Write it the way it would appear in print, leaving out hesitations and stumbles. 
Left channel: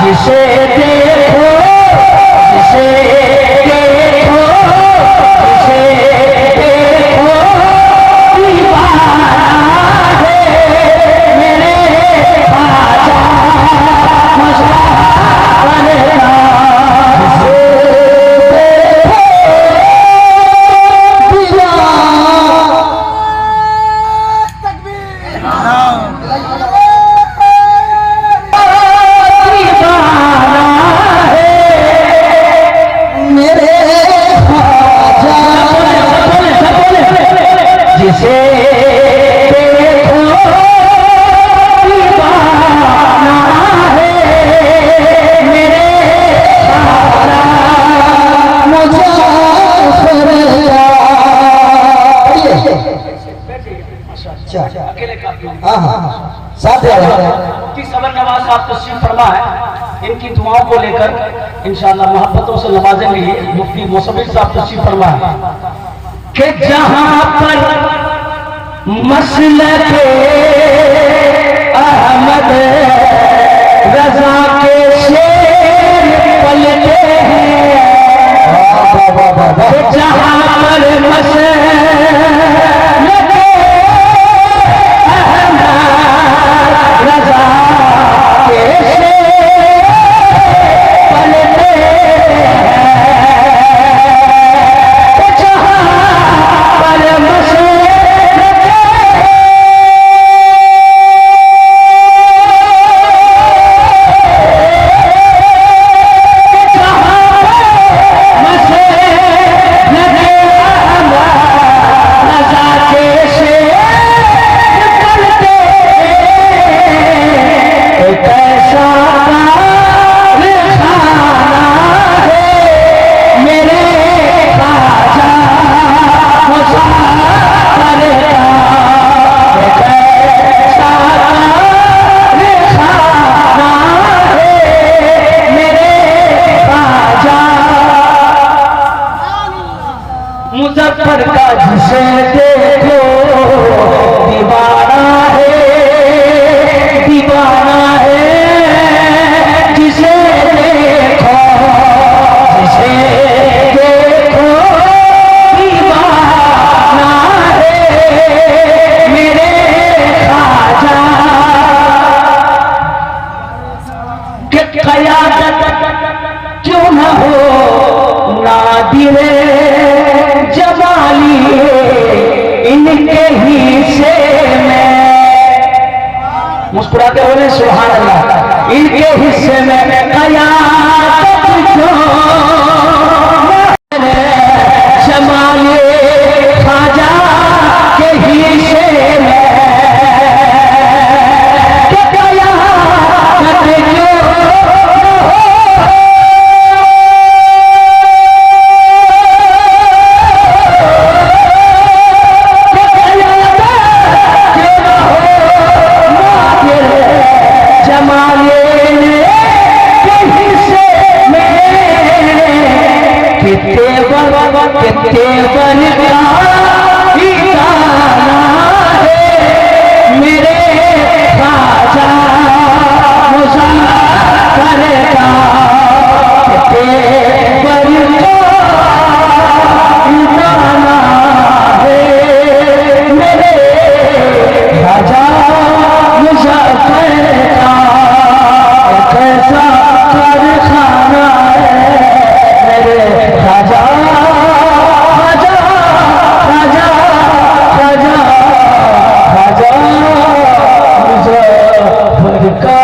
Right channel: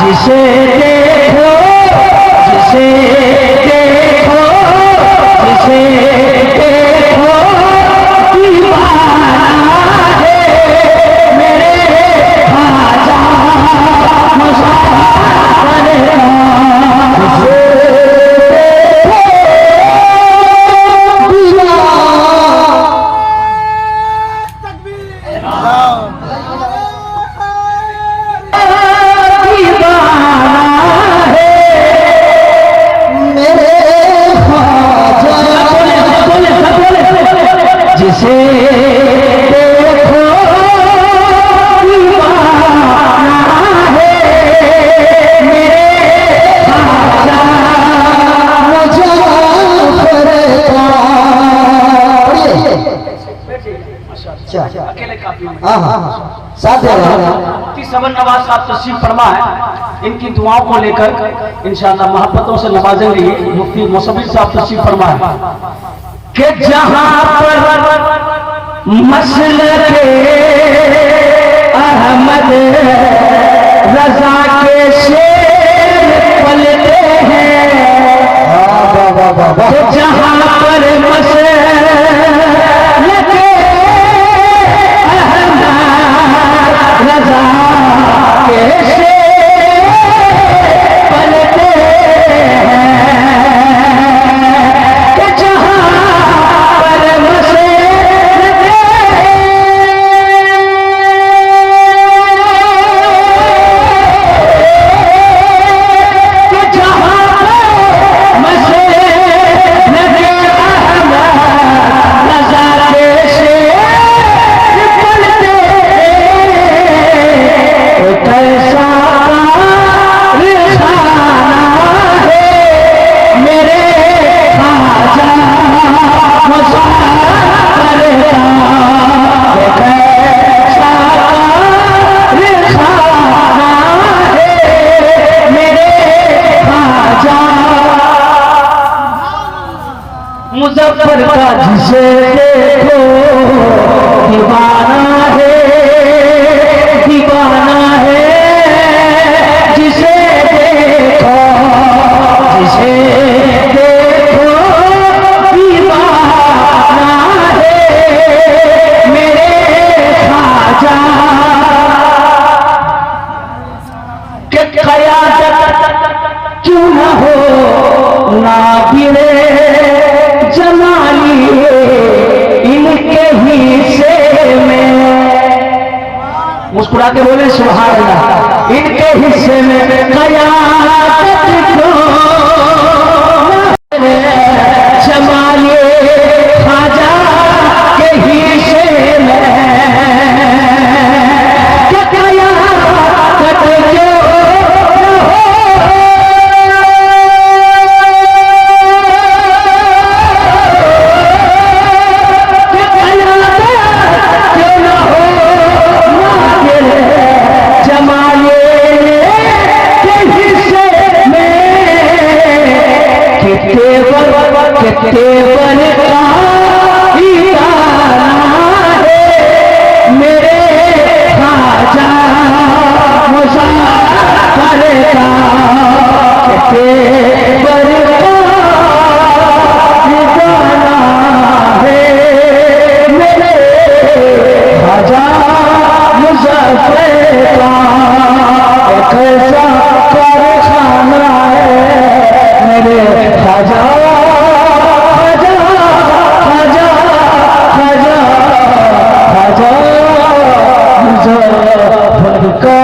जिसे देखो जिसे देखो जिसे देखो दीवाना है मेरे ख्वाजा मुज़फ़्फ़र का। जिसे देखो दीवाना है मेरे ख्वाजा मुज़फ़्फ़र का। अकेले काफी साथ समन नवाज साहब तशरीफ फरमा है। इनकी दुआओं को लेकर इंशाअल्लाह मोहब्बतों से नवाजेंगे। मुफ्ती मुसव्विर साहब तशरीफ फरमा है कि जहां पर मसलके अहमद रजा के शेर पलते हैं, कि जहां पर मसलके अहमद रजा के शेर पलते हैं, मुज़फ़्फ़र का जिसे देखो दीवाना है जिसे देखो दीवाना है मेरे ख्वाजा। कि क़यादत क्यों न हो नादिरे जमाली इनके हिस्से में, मुस्कुरा के बोले सुभान अल्लाह। इनके हिस्से में क़यादत क्यों जमाली ख्वाजा के हिस्से में, कि क़यादत क्यों तेवर का दीवाना है मेरे ख्वाजा मुज़फ़्फ़र का। तेवर का दीवाना है मेरे ख्वाजा मुज़फ़्फ़र का। कैसा कारखाना है मेरे ख्वाजा मुज़फ़्फ़र का।